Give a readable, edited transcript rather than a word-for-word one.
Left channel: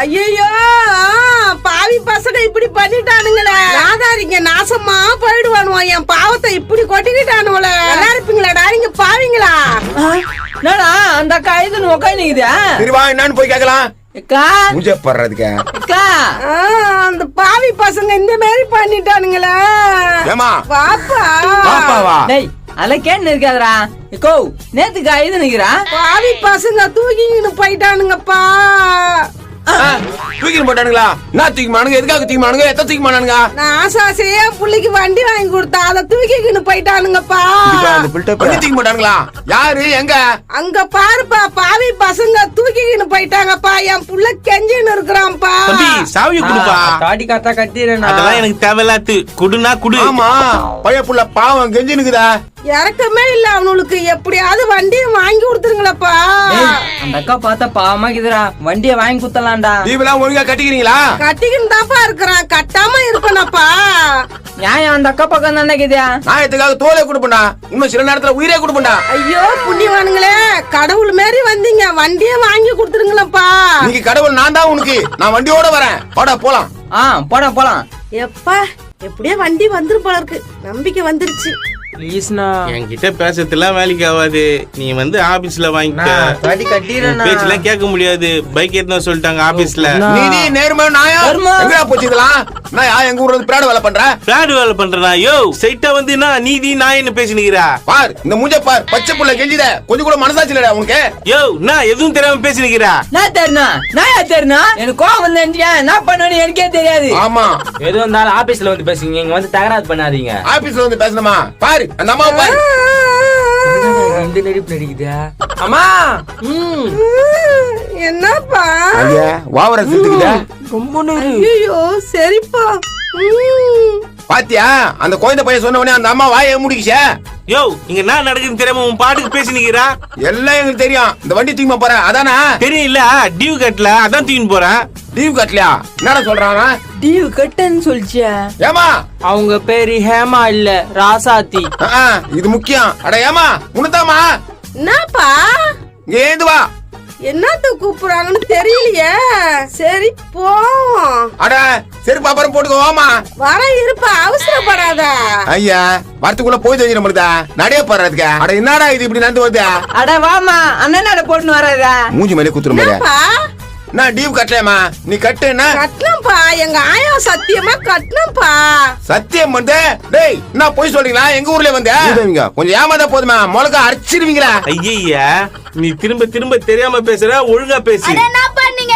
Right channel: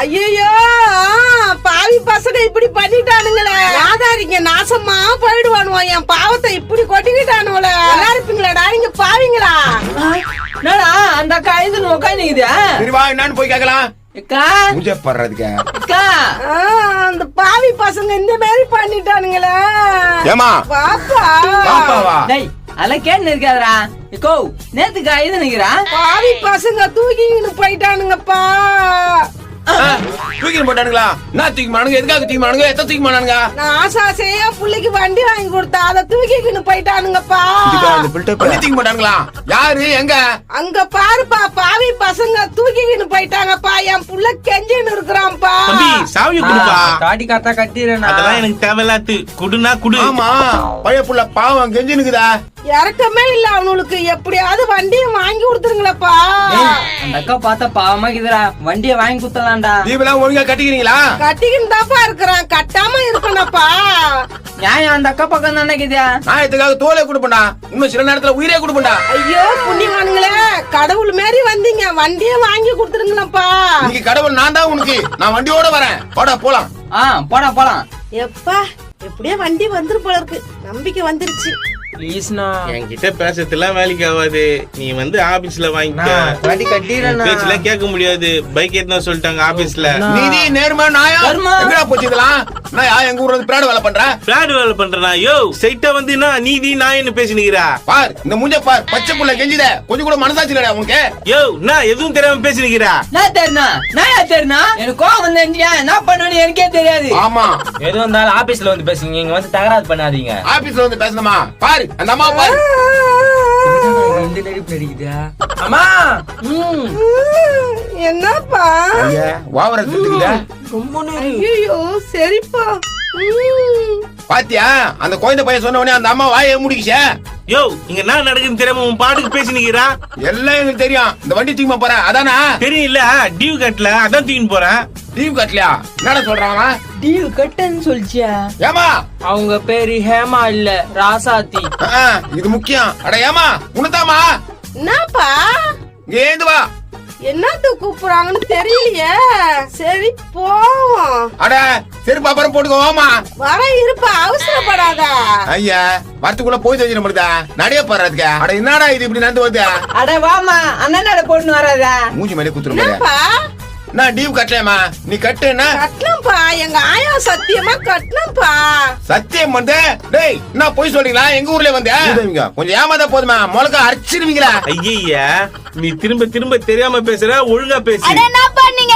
ஐயோ பாவி பசங்க இப்படி பண்ணிட்டானுங்களே. நாதாரிங்க நாசமா போயிடுவானுவோ. என் பாவத்தை இப்படி கொட்டிக்கிட்டானுங்களே. நல்லா இருப்பீங்களாடா நீங்க பாவீங்களா? என்னடா அந்த அக்கா எழுந்து உட்காந்துக்குதா? என்னன்னு போய் கேக்கலாம். அந்த பாவி பசங்க இந்த மாதிரி பண்ணிட்டானுங்களே. பாப்பா அதெல்லாம் கேட்டு இருக்காதரா. நேத்துக்கு எழுது நிக்கிறா. பாவி பசங்க தூக்கிங்கன்னு போயிட்டானுங்கப்பா. தூக்கி போட்டானுங்களா? நான் தூக்கி மானுங்க. எதுக்காக தூக்கி மானுங்க? எத்த தூக்கி மானுங்க? நான் ஆசாசையா புள்ளைக்கு வண்டி வாங்கி கொடுத்தா அதை தூக்கிக்கின்னு போயிட்டானுங்கப்பா. தூக்கி போட்டானுங்களா? யாரு எங்க? அங்க பாருப்பா பாவி பசங்க தூக்கிக்கின்னு போயிட்டாங்கப்பா. என் புள்ள கெஞ்சின்னு இருக்கிறான்ப்பா. சாவி குடுப்பா. காடி காத்தா கட்டிடுறேன். அதெல்லாம் எனக்கு தேவையில்லாத்து. குடுனா குடு. ஆமா பைய புள்ள பாவம் கெஞ்சினுக்குதா. இறக்கமே இல்ல அவனுக்கு. எப்படியாவது வண்டியை வாங்கி கொடுத்துருங்களப்பா. அந்த அக்கா பார்த்தா பாவமா இருக்குதுடா. வண்டியை வாங்கி குத்தலாம்டா. நீங்களாம் ஒழுங்கா கட்டிக்கிறீங்களா? கட்டிக்கின்னு தான்ப்பா இருக்கிறான். கட்டாம இருக்கணும்ப்பா. நியாயம் அந்த அக்கா பக்கம் தானே இருக்குதா? நியாயத்துக்காக தோலை கொடுப்பா. இன்னும் சில நேரத்துல உயிரே கொடுப்பா. ஐயோ புண்ணியவானுங்களே, கடவுள் மாரி வந்தீங்க. வண்டியை வாங்கி கொடுத்துருங்களப்பா. நீங்க கடவுள். நான் தான் உனக்கு. நான் வண்டியோட வரேன். போடா போலாம். போடா போலாம். எப்பா எப்படியே வண்டி வந்துரு போல இருக்கு. நம்பிக்கை வந்துருச்சு. என்கிட்ட பேசறதுலாம் வேலைக்கு ஆகாது. நீ வந்து ஆபீஸ்ல வாங்கிக்க. பேச்செல்லாம் கேட்க முடியாது. பைக் எடுத்து சொல்லிட்டாங்க ஆபீஸ்ல. நீ நேர்மா நாயா எங்கயா போச்சுக்கலாம்? நான் எங்க ஊர்ல பிராடு வேலை பண்றேன். பிராடு வேலை பண்றா? யோ சைட்டா வந்து நீதி நாயன்னு பேசினுக்கிறா. பார் இந்த மூஞ்ச பார். பச்சை புள்ள கெஞ்சிட கொஞ்சம் கூட மனசாச்சு இல்லடா உனக்கு? யோ நான் எதுவும் தெரியாம பேசினுக்கிறா. நான் தெரினா எனக்கு கோவம் வந்தா என்ன பண்ணுவேன்னு எனக்கே தெரியாது. ஆமா எது வந்தாலும் ஆபீஸ்ல வந்து பேசுங்க. இங்க வந்து தகராறு பண்ணாதீங்க. ஆபீஸ்ல வந்து பேசணுமா? பாரு அந்த அம்மா பாரு. அம்மா என்னப்பா வாவர சுத்திக்கிட்ட. ஐயோ சரிப்பா. பாத்தியா அந்த குழந்தை பையன் சொன்ன உடனே அந்த அம்மா வாயை முடிக்கிச்சா? யோ இங்க என்ன நடக்குதுன்னு தெரியாம உன் பாட்டுக்கு பேசினுக்கிறா. எல்லாம் எங்களுக்கு தெரியும். இந்த வண்டி தூக்கி போறேன் அதானா? தெரியல டியூ கட்டல அதான் தூக்கின்னு போறேன். டியூ கட்டலையா? என்ன சொல்றாங்க? டியூ கட்டன்னு சொல்லிச்சியா? ஏமா அவங்க பேரு ஹேமா இல்ல ராசாத்தி. இது முக்கியம். அட ஏமா உனதாமா? என்னப்பா ஏந்து வா. என்னத்த கூப்பிடுறாங்கன்னு தெரியலையே. சரி போவோம். அட சரி பாப்பறம் போட்டுக்கோ. வாமா வர இருப்பா. அவசரப்படாத. ஐயா வரத்துக்குள்ள போய் தெரியும் நம்மளுதா. நடைய போறதுக்கு. அட என்னடா இது இப்படி நடந்து வருது? அட வாமா அண்ணனால போட்டு வராதா? மூஞ்சி மேலே குத்துற மாதிரி. நான் டியூ கட்டலாமா? நீ கட்டுனா கட்டணும்ப்பா. எங்க ஆயா சத்தியமா கட்டணும்ப்பா. சத்தியம் வந்து டேய் என்ன போய் சொல்றீங்களா? எங்க ஊர்ல வந்து கொஞ்சம் ஏமாதா போதுமா? முளக்க அரைச்சிருவீங்களா? ஐயா நீ திரும்ப திரும்ப தெரியாம பேசுற. ஒழுங்கா பேசு. என்ன பண்ணீங்க?